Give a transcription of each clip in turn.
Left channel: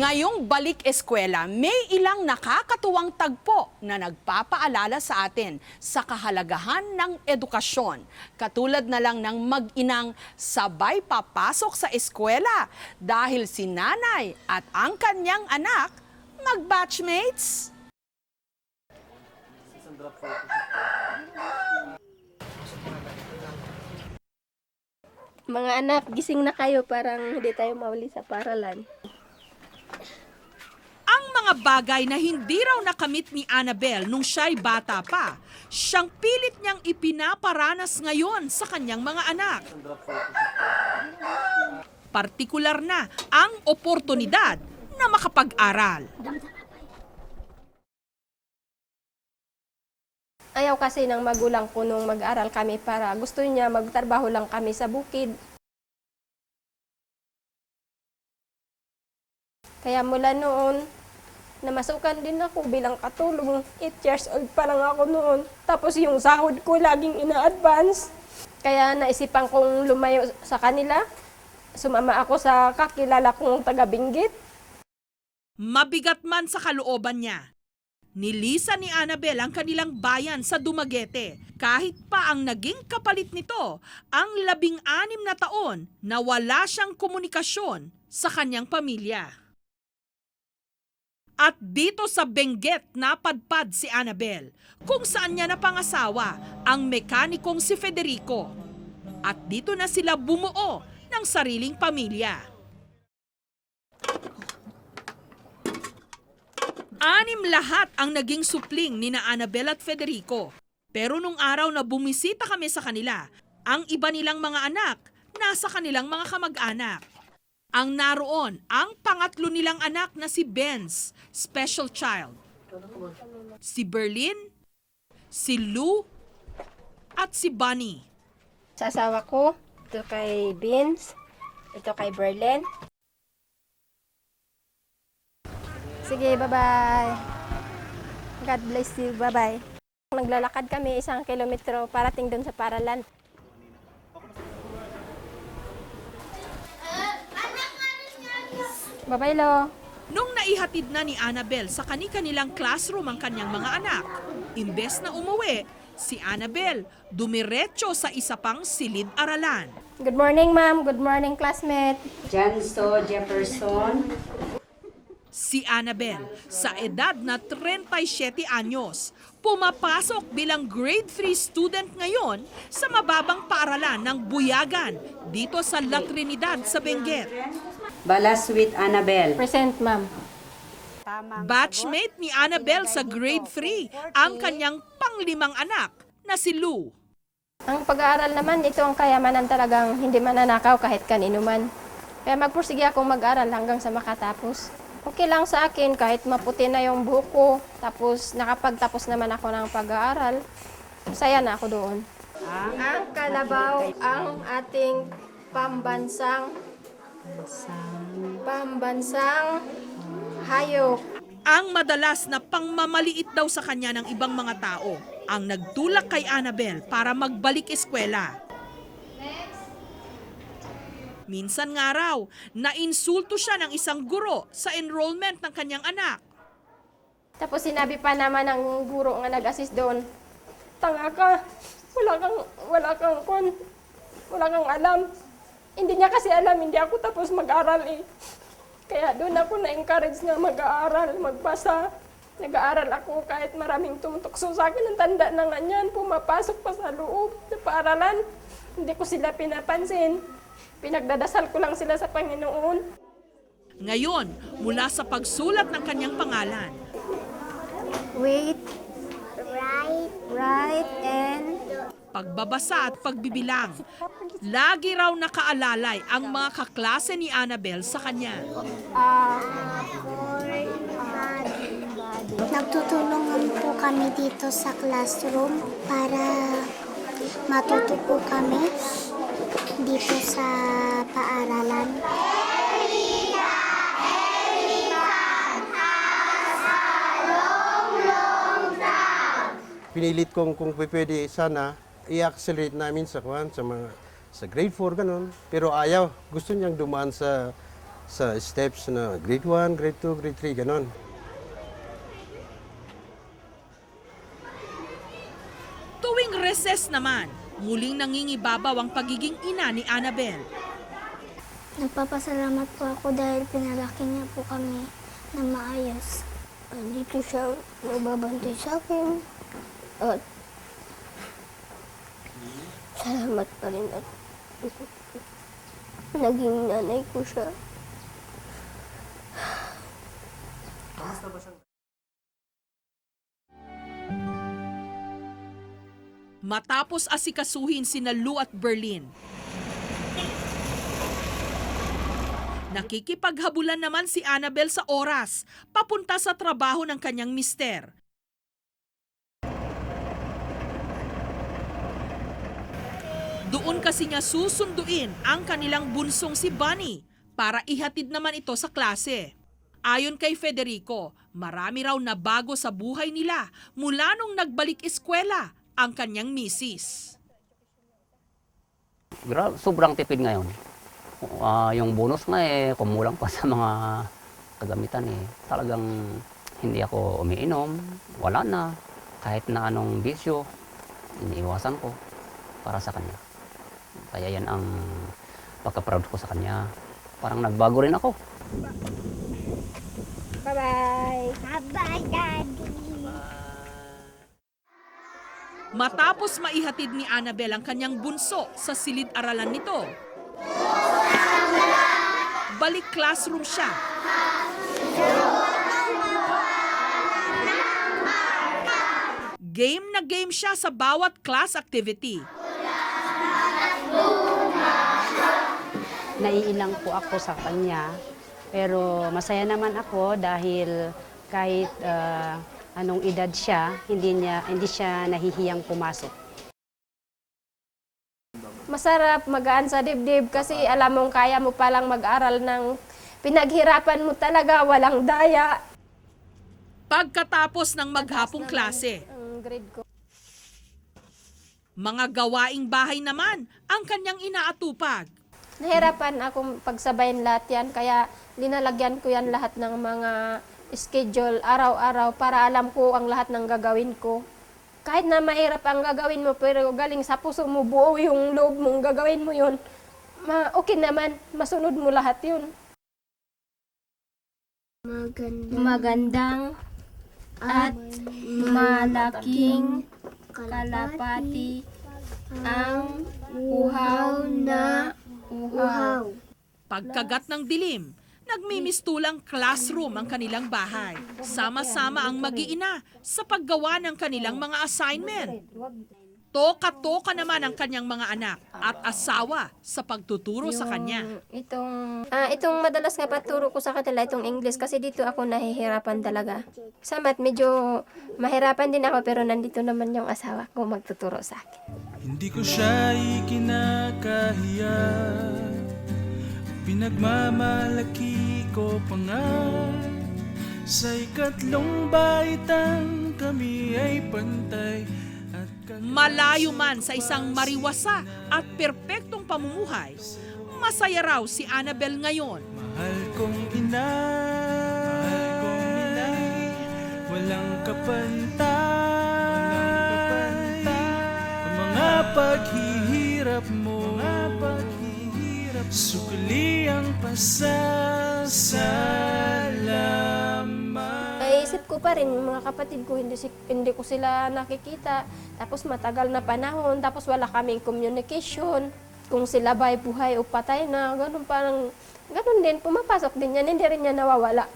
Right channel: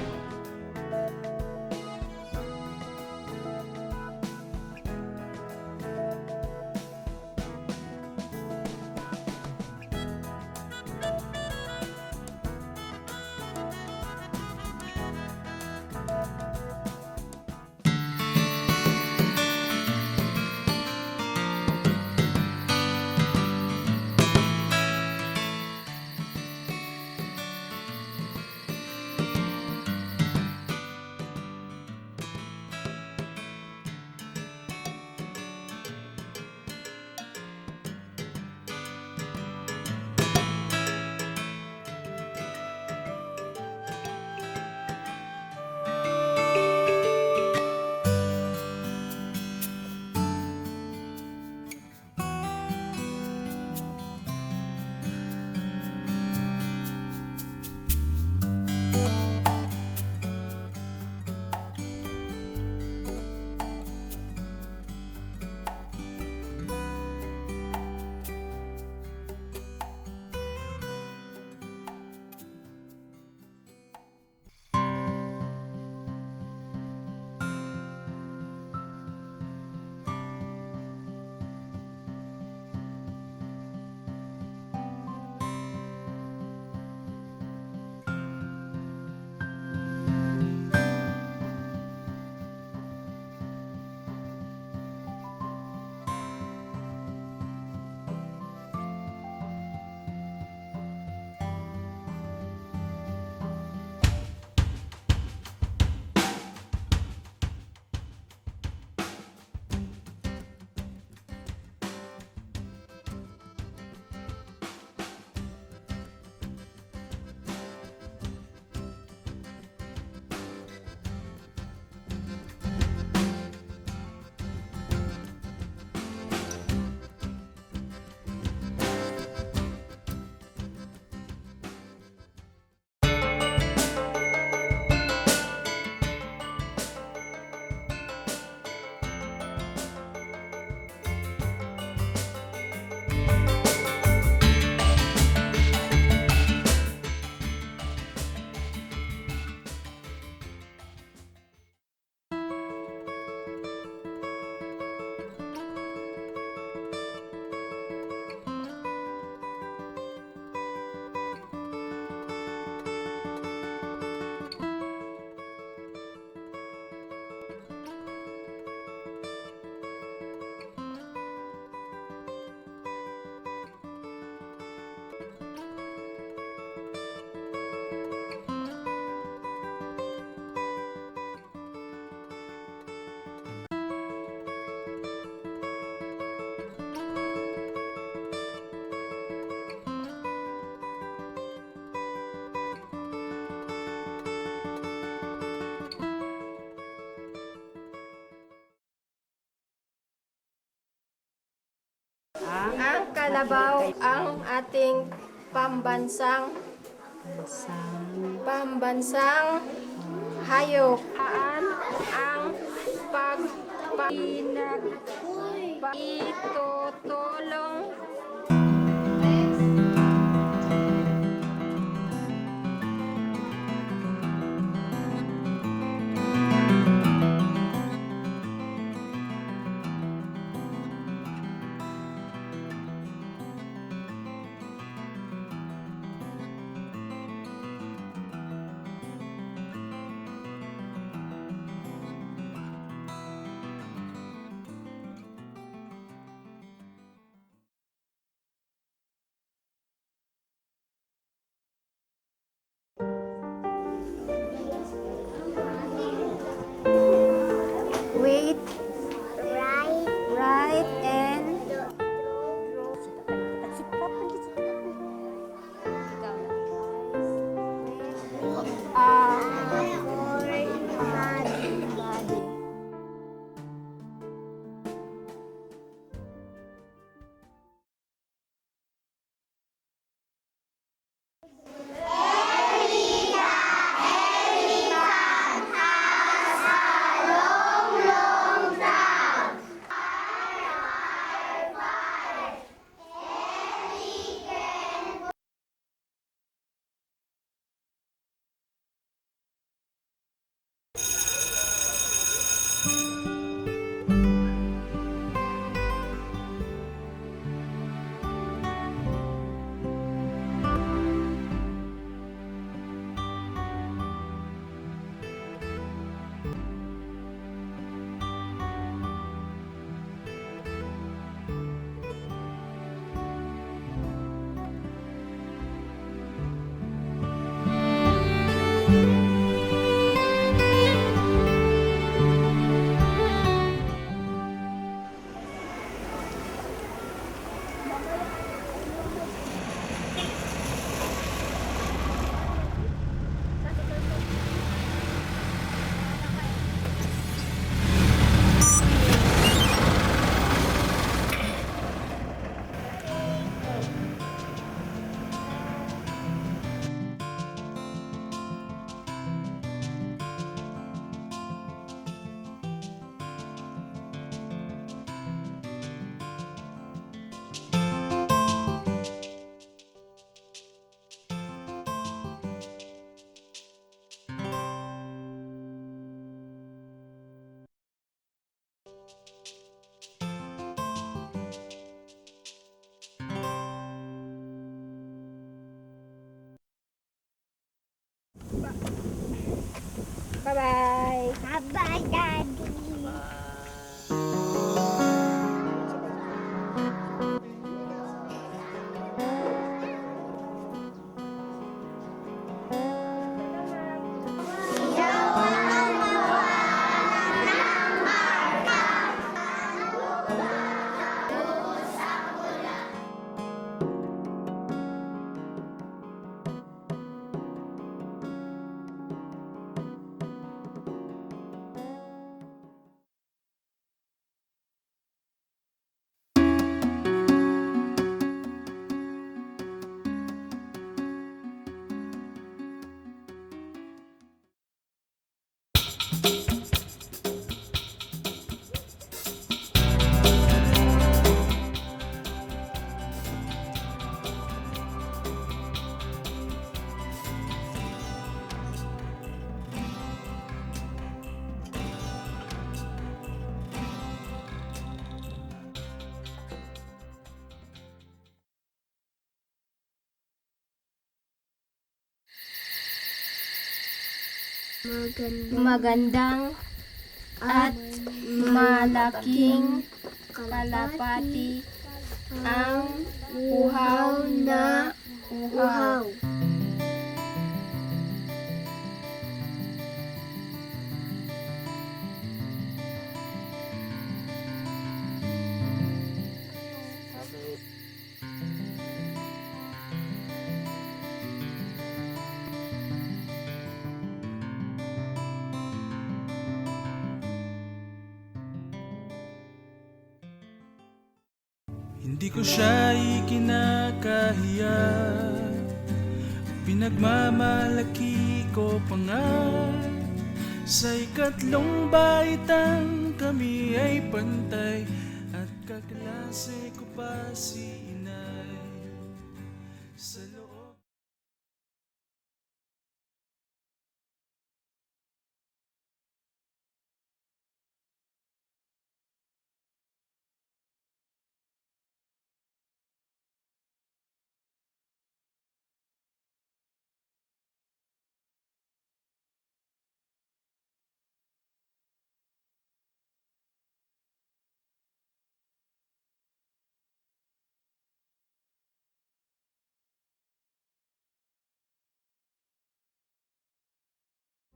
Ngayong balik eskwela, may ilang nakakatuwang tagpo na nagpapaalala sa atin sa kahalagahan ng edukasyon. Katulad na lang ng mag-inang sabay papasok sa eskwela dahil si nanay at ang kanyang anak mag-batchmates. Mga anak, gising na kayo para hindi tayo mauli sa paralan. Ang mga bagay na hindi raw nakamit ni Annabel nung siya'y bata pa, siyang pilit niyang ipinaparanas ngayon sa kanyang mga anak. Partikular na ang oportunidad na makapag-aral. Ayaw kasi ng magulang ko nung mag-aral kami para gusto niya magtrabaho lang kami sa bukid. Kaya mula noon, namasukan din ako bilang katulong. 8 years old pa lang ako noon. Tapos yung sahod ko laging ina-advance. Kaya naisipan kong lumayo sa kanila. Sumama ako sa kakilala kong taga-Benguet. Mabigat man sa kalooban niya, nilisan ni Annabel ang kanilang bayan sa Dumaguete. Kahit pa ang naging kapalit nito, ang 16 na taon na wala siyang komunikasyon sa kanyang pamilya. At dito sa Benguet napadpad si Annabel, kung saan niya napangasawa ang mekanikong si Federico. At dito na sila bumuo ng sariling pamilya. 6 lahat ang naging supling ni na Annabel at Federico. Pero nung araw na bumisita kami sa kanila, ang iba nilang mga anak nasa kanilang mga kamag-anak. Ang naroon ang pangatlo nilang anak na si Benz, special child. Si Berlin, si Lou, at si Bunny. Asawa ko, ito kay Vince, ito kay Berlin. Sige, bye-bye. God bless you, bye-bye. Naglalakad kami 1 kilometro parating dun sa paralan. Bye-bye, Lo. Nung naihatid na ni Annabel sa kani-kanilang classroom ang kanyang mga anak, imbes na umuwi, si Annabel dumiretso sa isa pang silid-aralan. Good morning, ma'am. Good morning, classmate. Jansto Jefferson. Si Annabel, sa edad na 37 anyos, pumapasok bilang grade 3 student ngayon sa mababang paaralan ng Buyagan dito sa La Trinidad sa Benguet. Balaswit Annabel. Present, ma'am. Batchmate ni Annabel sa grade 3 ang kanyang pang-5 anak na si Lou. Ang pag-aaral naman, ito ang kayamanan talagang hindi mananakaw kahit kanino man. Kaya magpursige akong mag-aral hanggang sa makatapos. Okay lang sa akin kahit maputi na yung buhok ko, tapos nakapagtapos naman ako ng pag-aaral, masaya na ako doon. Ang kalabaw ang ating pambansang hayop. Ang madalas na pangmamaliit daw sa kanya ng ibang mga tao ang nagtulak kay Annabel para magbalik eskwela. Minsan nga raw, nainsulto siya ng isang guro sa enrollment ng kanyang anak. Tapos sinabi pa naman ng guro nga nag-assist doon, tanga ka, wala kang alam. Hindi niya kasi alam, hindi ako tapos mag-aral eh. Kaya doon ako na-encourage na mag-aaral, magbasa. Nag-aaral ako kahit maraming tumutukso sa akin. Ang tanda na nga niyan, pumapasok pa sa loob sa paaralan. Hindi ko sila pinapansin. Pinagdadasal ko lang sila sa Panginoon. Ngayon, mula sa pagsulat ng kanyang pangalan, Wait, right, and... pagbabasa at pagbibilang, lagi raw nakaalalay ang mga kaklase ni Annabel sa kanya. Nagtutulungan po kami dito sa classroom para matuto po kami dito sa paaralan. Pinilit kong kung pwede sana i-accelerate namin sa grade 4 ganun. Pero ayaw, gusto niyang dumaan sa sa steps na grade 1, grade 2, grade 3, ganon. Tuwing recess naman, muling nangingibabaw ang pagiging ina ni Annabel. Nagpapasalamat po ako dahil pinalaki niya po kami na maayos. Dito siya nagbabantay sa akin. At salamat pa rin ako. Naging nanay ko siya. Matapos asikasuhin sina Lou at Berlin, nakikipaghabulan naman si Annabel sa oras papunta sa trabaho ng kanyang mister. Doon kasi niya susunduin ang kanilang bunsong si Bunny para ihatid naman ito sa klase. Ayon kay Federico, marami raw na bago sa buhay nila mula nung nagbalik eskwela ang kanyang misis. Sobrang tipid ngayon. Yung bonus nga kumulang pa sa mga kagamitan Talagang hindi ako umiinom, wala na. Kahit na anong bisyo, iniiwasan ko para sa kanya. Kaya yan ang pagka-proud ko sa kanya. Parang nagbago rin ako. Bye-bye! Bye-bye, Daddy! Matapos maihatid ni Annabel ang kanyang bunso sa silid-aralan nito, balik classroom siya. Game na game siya sa bawat class activity. Naiilang po ako sa kanya, pero masaya naman ako dahil kahit anong edad siya, hindi siya nahihiyang pumasok. Masarap, magaan sa dibdib kasi alam mong kaya mo palang mag-aral ng pinaghirapan mo talaga, walang daya. Pagkatapos ng maghapong klase, mga gawaing bahay naman ang kanyang inaatupag. Nahirapan akong pagsabayin lahat yan, kaya linalagyan ko yan lahat ng mga schedule araw-araw para alam ko ang lahat ng gagawin ko. Kahit na mahirap ang gagawin mo, pero galing sa puso mo, buo yung loob mong gagawin mo yun, okay naman, masunod mo lahat yun. Magandang at malaking kalapati ang uhaw na uhaw. Pagkagat ng dilim, nagmimistulang classroom ang kanilang bahay. Sama-sama ang mag-iina sa paggawa ng kanilang mga assignment. Toka-toka naman ang kanyang mga anak at asawa sa pagtuturo sa kanya. Itong madalas nga maturo ko sa kanila, itong English, kasi dito ako nahihirapan talaga. Sa math, medyo mahirapan din ako, pero nandito naman yung asawa ko magtuturo sa akin. Hindi ko siya ikinakahiya, pinagmamalaki ko pa nga. Sa ikatlong baitan kami ay pantay at Malayo man sa isang mariwasa at perpektong pamumuhay, masaya raw si Annabel ngayon. mahal kong inay, walang kapantay. Ang mga paghihirap mo, sukli ang pasasalamat. Naisip ko pa rin, yung mga kapatid ko, hindi ko sila nakikita. Tapos matagal na panahon, tapos wala kaming communication. Kung sila ba'y buhay o patay na, ganun din, pumapasok din yan, hindi rin yan nawawala.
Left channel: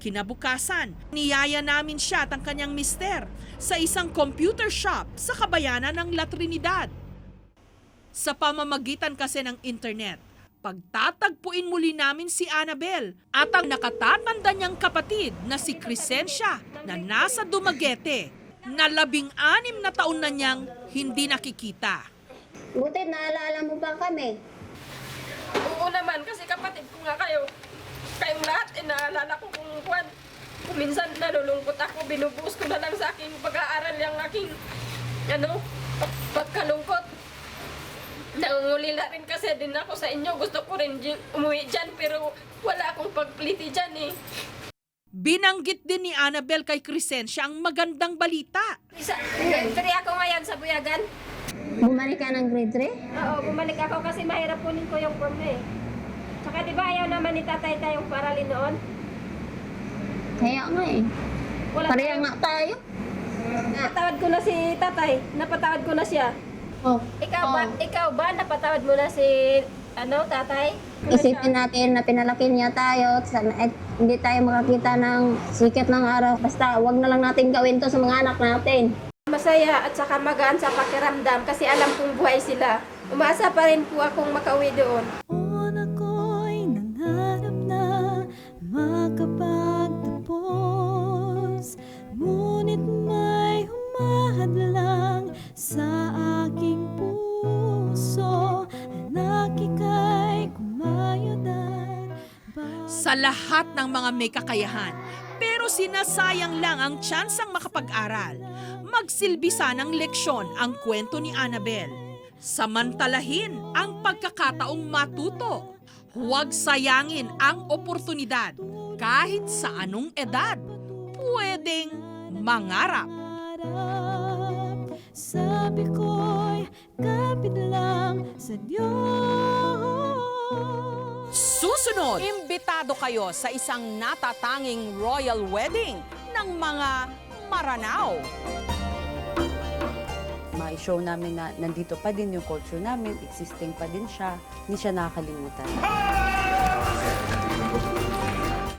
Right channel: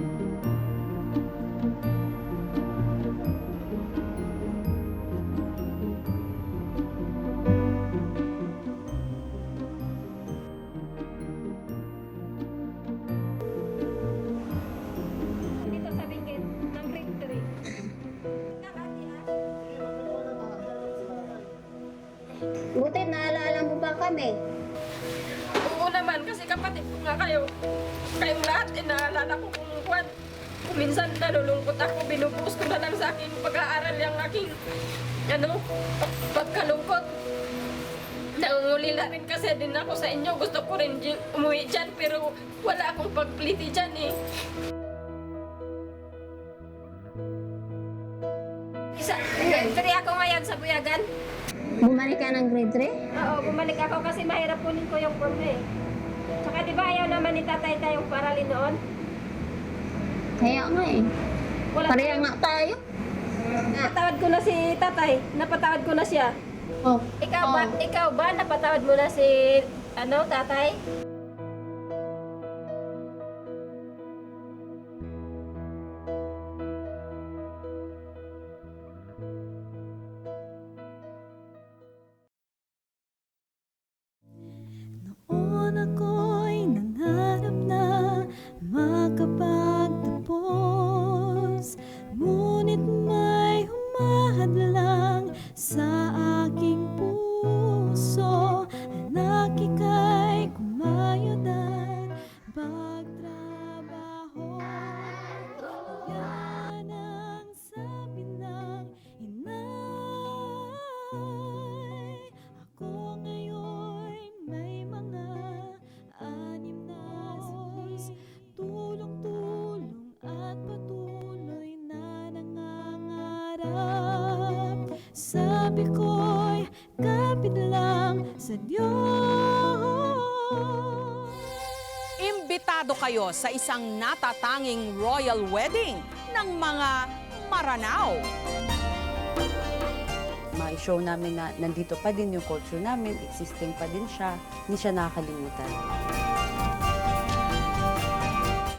Kinabukasan, niyaya namin siya at ang kanyang mister sa isang computer shop sa kabayanan ng La Trinidad. Sa pamamagitan kasi ng internet, pagtatagpuin muli namin si Annabel at ang nakatatanda niyang kapatid na si Crescencia na nasa Dumaguete na 16 na taon na niyang hindi nakikita. Buti naalala mo ba kami? Oo naman, kasi kapatid ko nga kayo. Kayong lahat, inaalala ko kung minsan nalulungkot ako, binubuhos ko na lang sa aking pag-aaral yung aking, pagkalungkot. Nangungulila rin kasi din ako sa inyo. Gusto ko rin umuwi dyan pero wala akong pagpliti dyan eh. Binanggit din ni Annabel kay Crescencia ang magandang balita. Grade 3 ako ngayon sa Buyagan. Bumalik ka ng grade 3? Oo, bumalik ako kasi mahirap kunin ko yung form eh. Tsaka di ba ayaw naman ni tatay tayong paralin noon? Kaya nga eh. Wala Pareha nga tayo. Napatawad ko na si tatay. Napatawad ko na siya. Oh. Ikaw ba napatawad mo na si tatay? Isipin natin na pinalaki niya tayo. Sana, hindi tayo makakita ng sikat ng araw. Basta wag na lang natin gawin to sa mga anak natin. Masaya at saka magaan sa pakiramdam kasi alam kong buhay sila. Umaasa pa rin po akong makauwi doon. Ako'y nangarap na makapagtapos, ngunit may humahadlang sa aking puso. Anak, ika'y kumayodar. Sa lahat ng mga may kakayahan, pero sinasayang lang ang tsansang makapag-aral. Magsilbi sanang leksyon ang kwento ni Annabel. Samantalahin ang pagkakataong matuto. Huwag sayangin ang oportunidad. Kahit sa anong edad, pwedeng mangarap. Sabi ko'y kapit lang sa Diyos. Susunod, imbitado kayo sa isang natatanging royal wedding ng mga Maranao. Ma-show namin na nandito pa din yung culture namin, existing pa din siya, hindi siya nakakalimutan.